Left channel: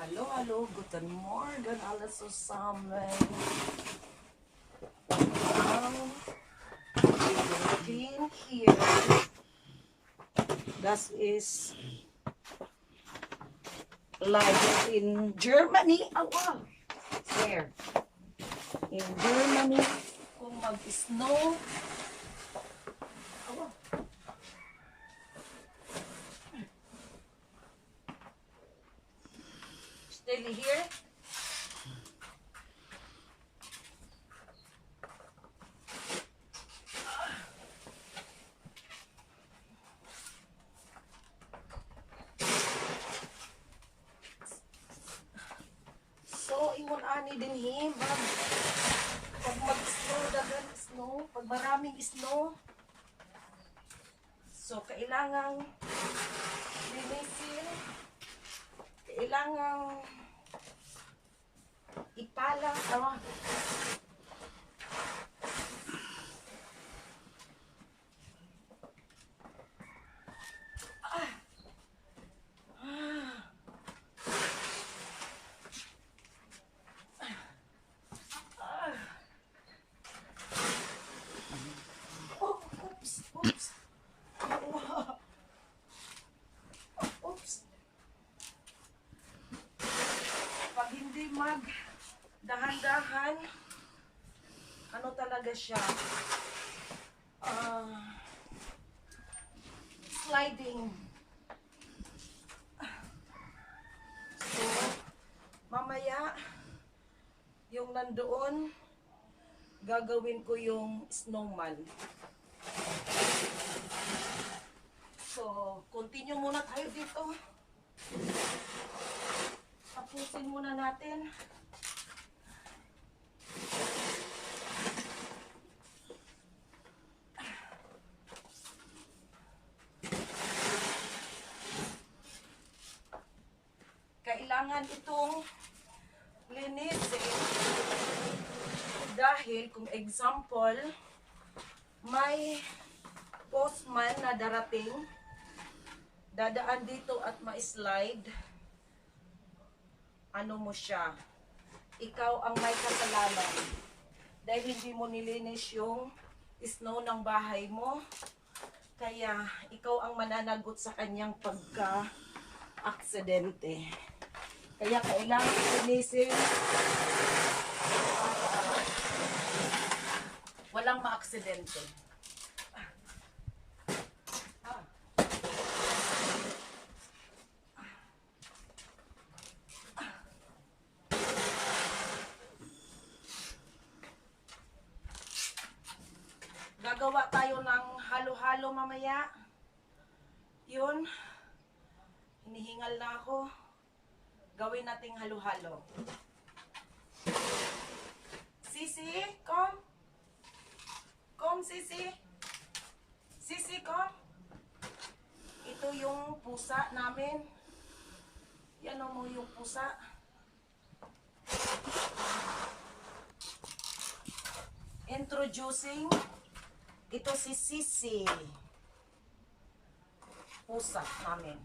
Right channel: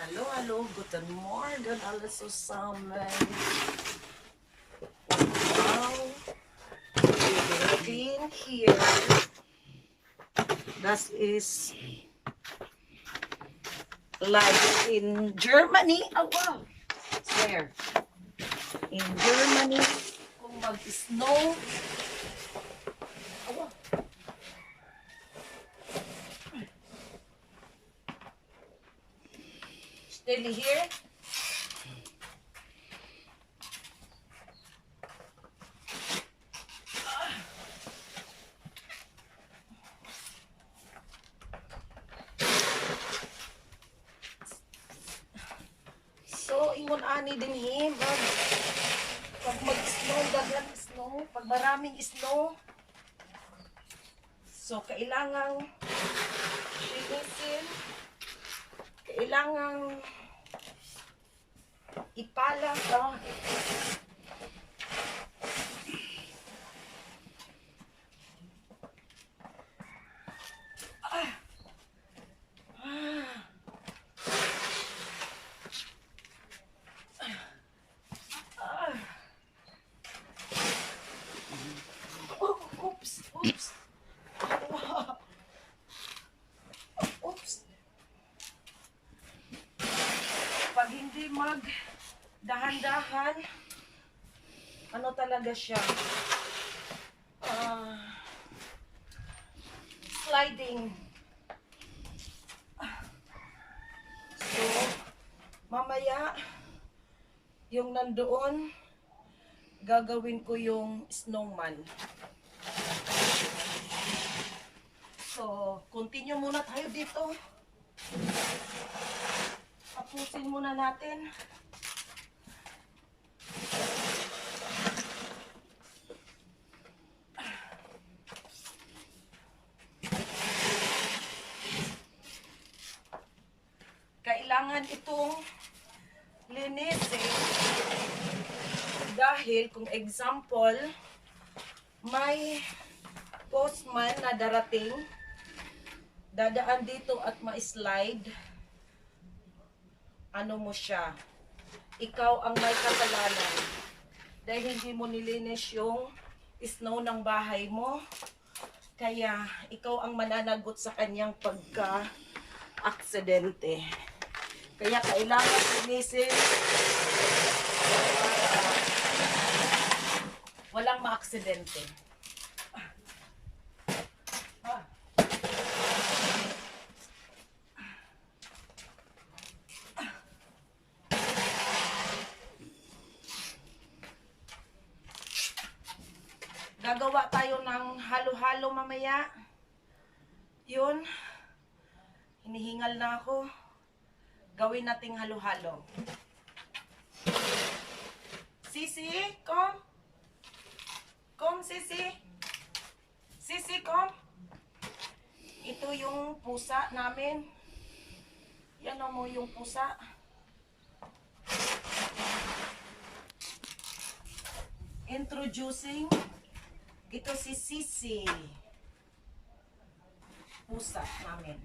Hallo, hallo, guten Morgen alle zusammen. Wow, wir bin hier. Das ist live in Germany. Oh, wow. Where? In Germany. Kung mag-snow. Oh, wow. Still here. So, ingon ani din pag mag-snow, daghan snow, pag maraming snow, so kailangang linisin, kailangang ipala, tama? Oh, oops, oops. Oops. Pag hindi dahan-dahan, ano talaga siya? Sliding. So, mamaya, yung nandoon, gagawin ko yung snowman. So, continue muna tayo dito. Tapusin muna natin. Kailangan itong linisin dahil kung example, may postman na darating, dadaan dito at ma-slide, ano mo siya, ikaw ang may kasalanan dahil hindi mo nilinis yung snow ng bahay mo, kaya ikaw ang mananagot sa kanyang pagka-aksidente. Kaya kailangan linisin walang maaksidente. Gagawa tayo ng halo-halo mamaya. Yun. Hinihingal na ako. Gawin nating halo-halo. Sisi, come. Come, Sisi. Sisi, come. Ito yung pusa namin. Yan mo yung pusa. Introducing. Ito si Sisi. Pusa namin.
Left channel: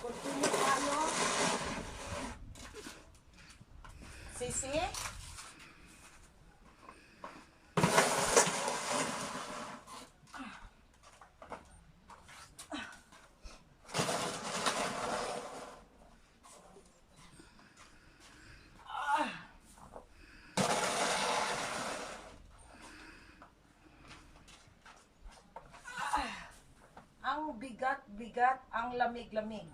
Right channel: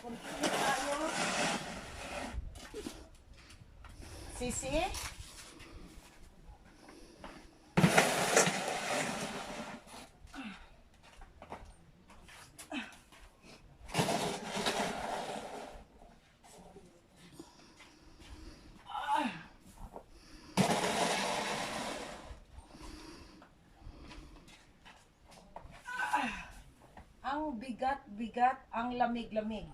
Continue tayo. Sisi. Ang bigat-bigat, ang lamig-lamig.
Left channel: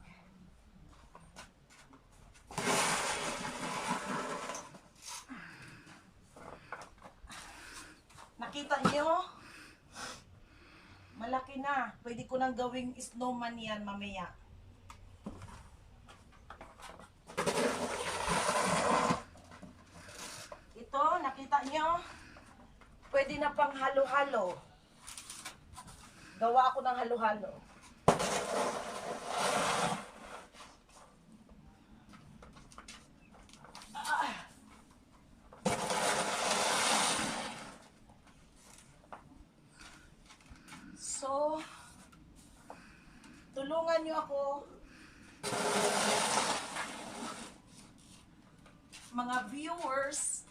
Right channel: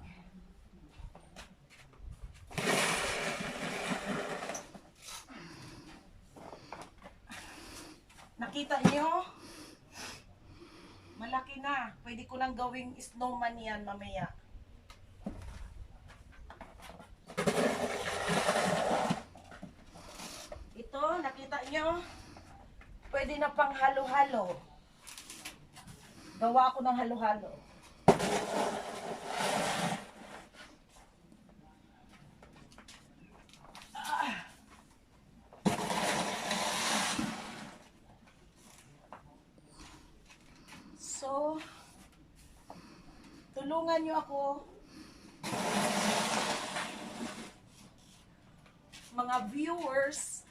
Nakita nyo? Malaki na. Pwede ko nang gawing snowman yan mamaya. Ito, nakita nyo? Pwede na pang halo-halo. Gawa ako ng halo-halo. So, tulungan nyo ako mga viewers.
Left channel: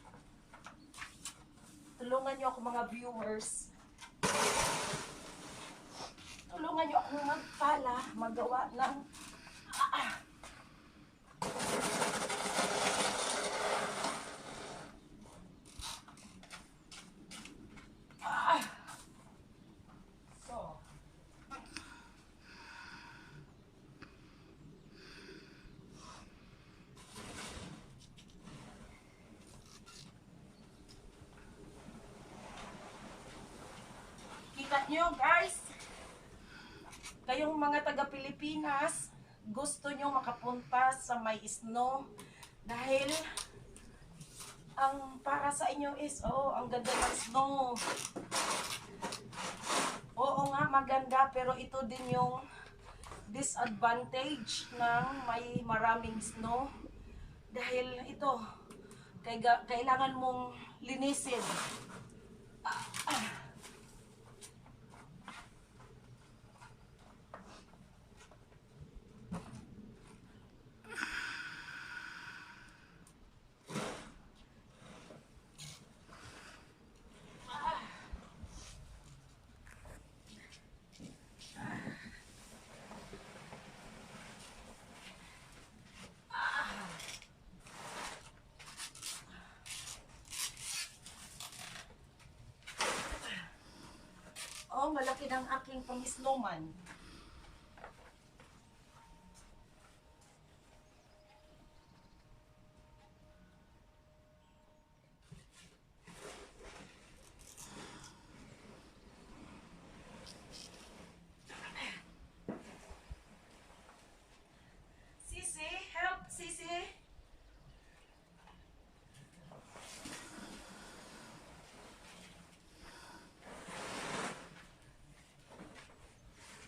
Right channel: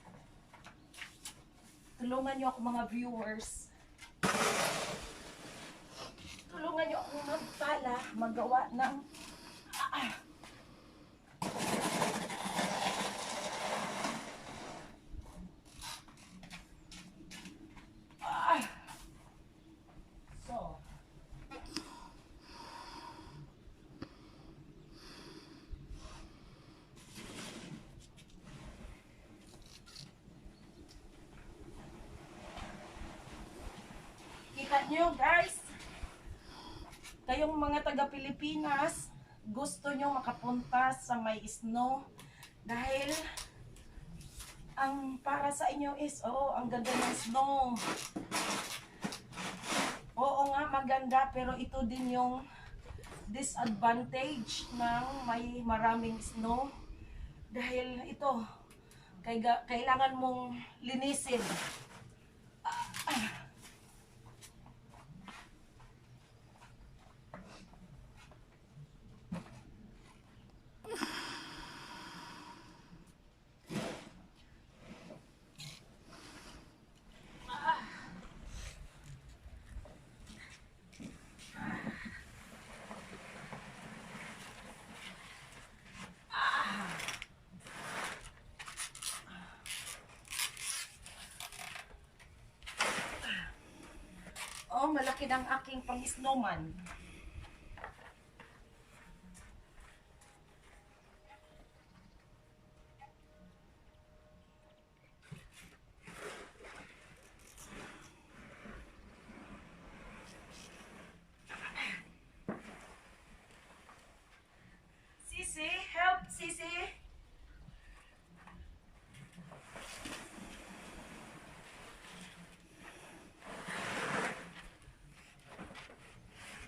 Tulungan niyo ako mga viewers. Tulungan niyo ako magpala, magawa ng so, kita niyo guys, kayong mga taga Pilipinas, gusto nyo makapunta sa may snow dahil ang para sa inyo is, oh, ang ganda ng snow. Oo nga, maganda, pero ito din yung disadvantage ng may maraming snow. Dahil ito, kailangan mong linisin. Oh, malaki ng aking pang-snowman. Sisi, help, Sisi.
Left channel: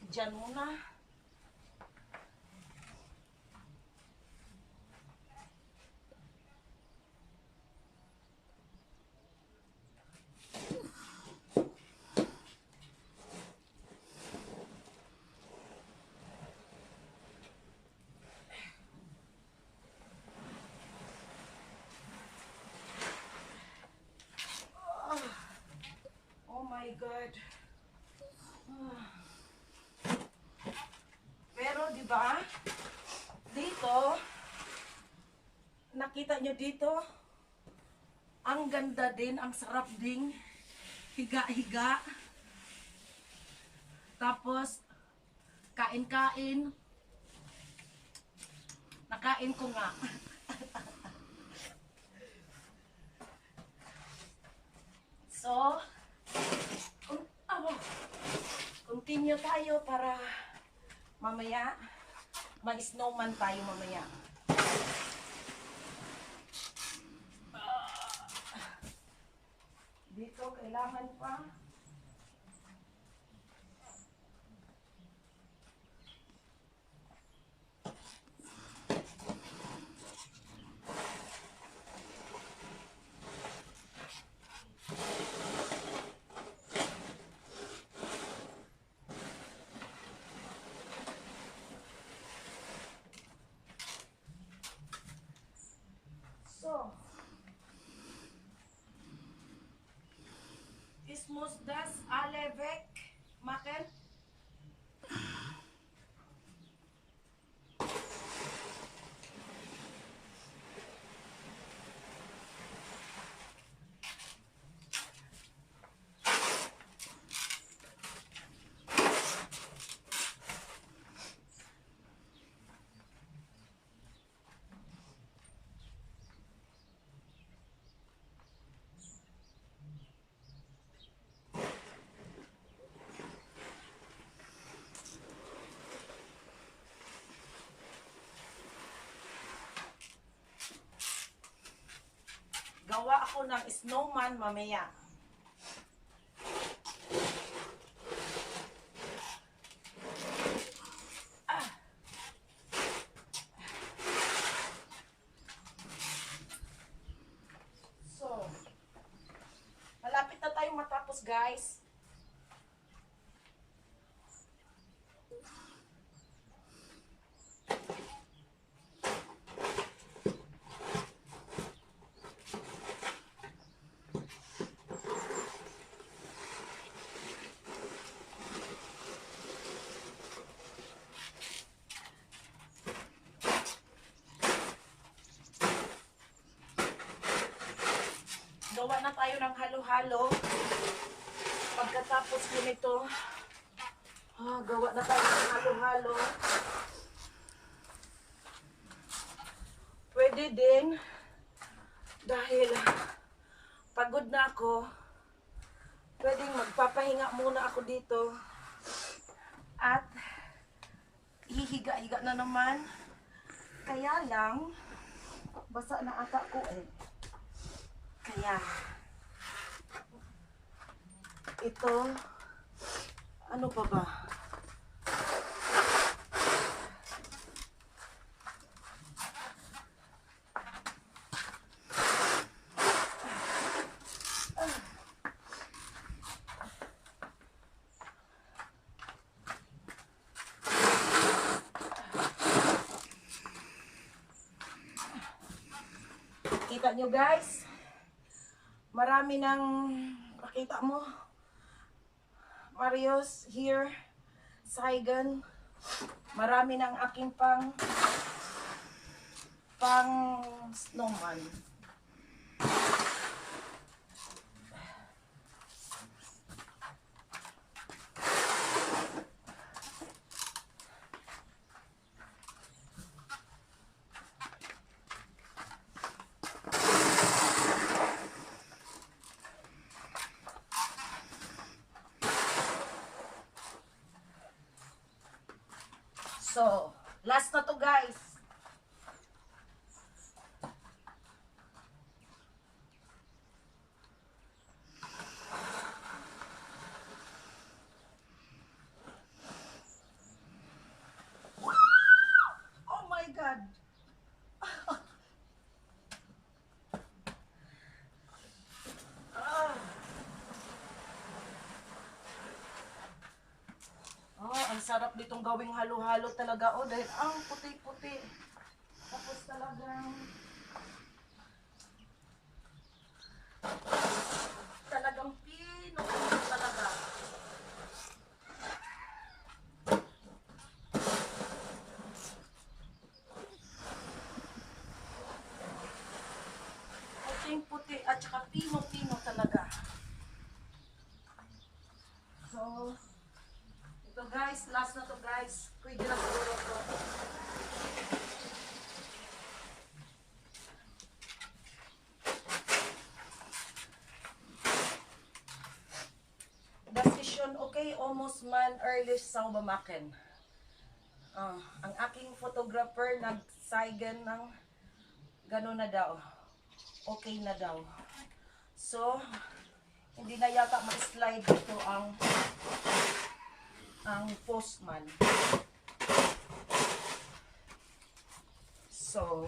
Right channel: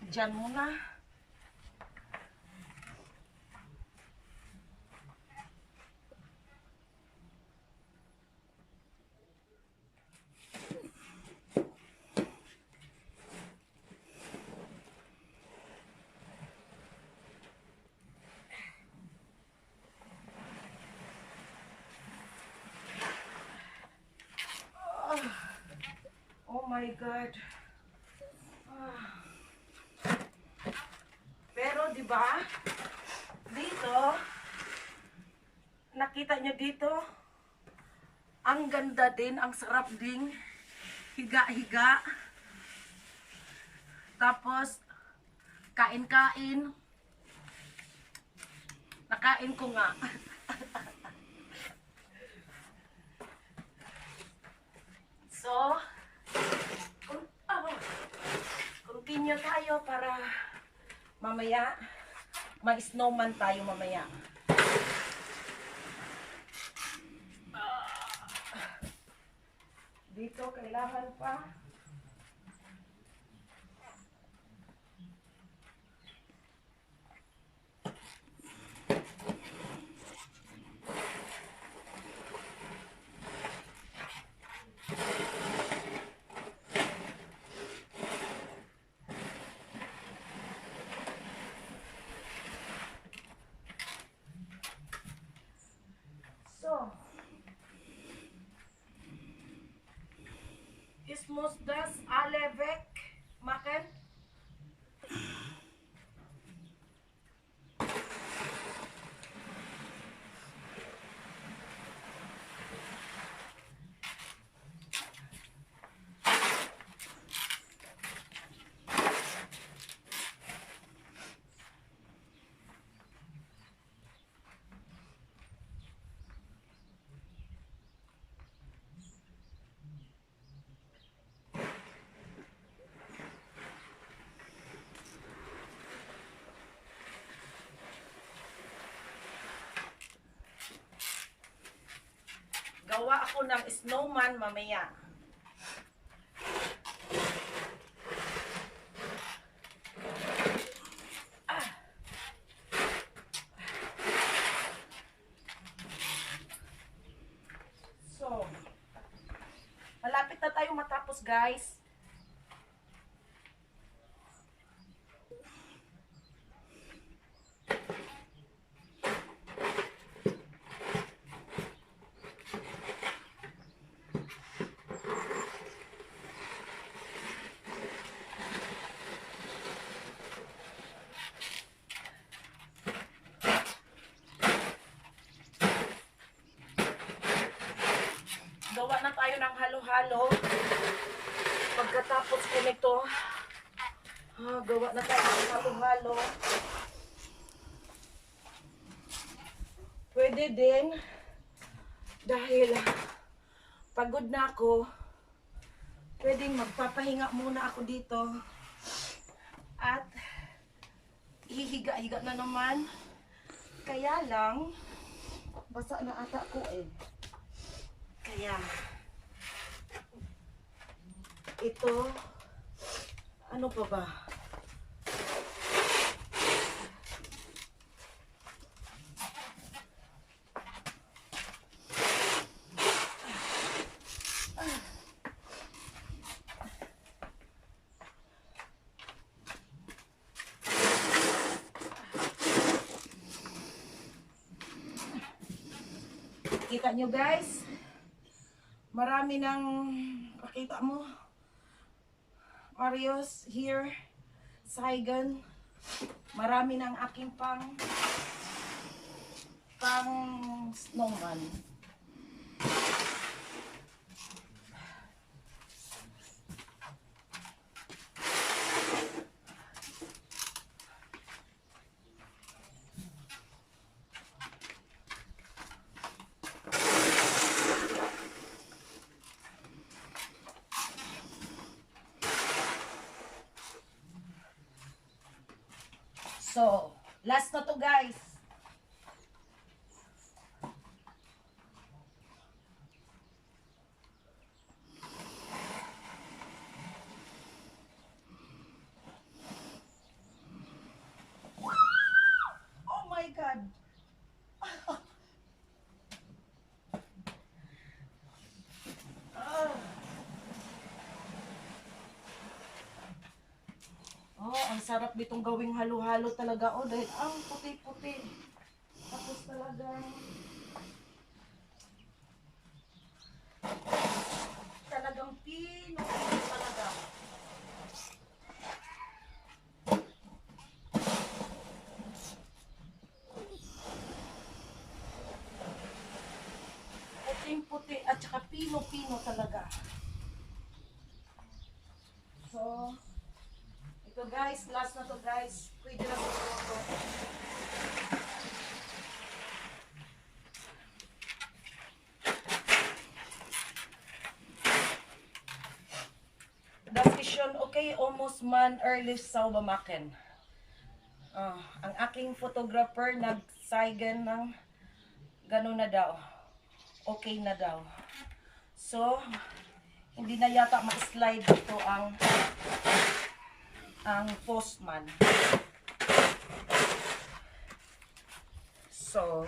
Diyan muna. Oh my God. Pero 'di ba? Dito, nakita nyo dito, ang ganda din, ang sarap ding higa-higa. Tapos kain-kain. Nakain ko nga. So, continue tayo para mamaya mag-snowman tayo mamaya. Dito kailangan pa. So, ich muss das alle wegmachen. Gawa ako ng snowman mamaya. So, malapit na tayong matapos, guys. ng halo-halo. Pagkatapos ko nito, gawa na tayo ng halo-halo. Pwede din, dahil pagod na ako, pwedeng magpapahinga muna ako dito. At hihiga-higa na naman. Kaya lang, basa na ata ko eh. Kaya, ito, ano pa ba? Kita nyo guys, marami ng, pakita mo, Marios here, Saigon, marami ng aking pang snowman. So, last na to guys. Oh my God. Ang sarap ditong gawing halo-halo talaga. Oh, dahil ang puti-puti. Tapos talagang pino talaga. Puting-puti at saka pino-pino talaga. So, ito guys, last na to guys. Pwede na siguro to. Decision, okay, almost man early sa bamaken. Ang aking photographer nag-Saigon ng gano'n na daw. Okay na daw. So, hindi na yata ma-slide dito ang postman. So,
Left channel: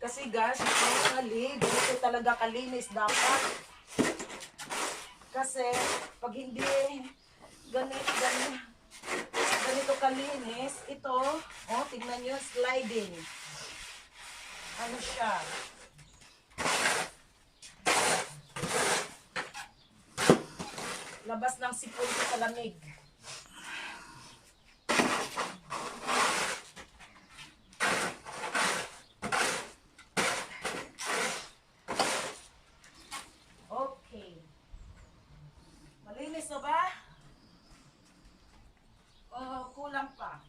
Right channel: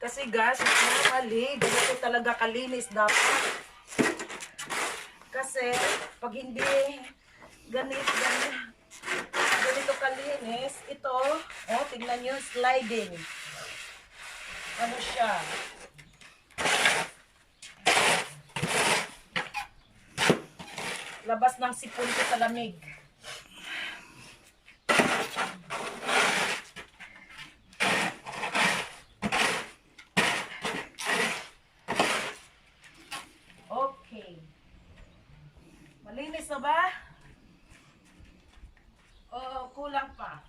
kasi guys, normally, ganito talaga kalinis dapat. Kasi, pag hindi ganito kalinis, ito, tingnan nyo, sliding. Ano siya? Labas ng sipon ko sa lamig. Okay. Malinis na ba? O kulang pa?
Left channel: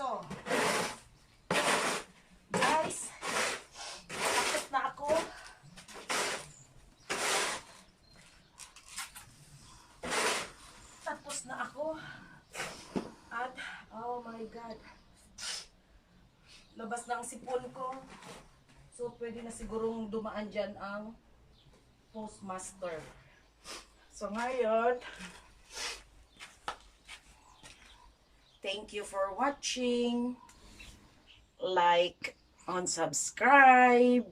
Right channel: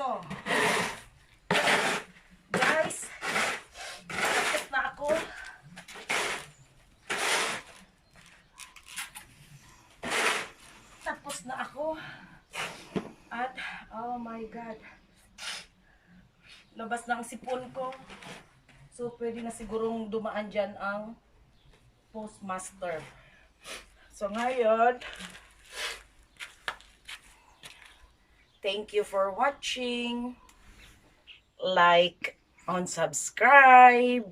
So, guys, tapos na ako. Tapos na ako. At, oh my God. Labas na ang sipon ko. So, pwede na sigurong dumaan dyan ang postmaster. So, ngayon, thank you for watching. Like and subscribe.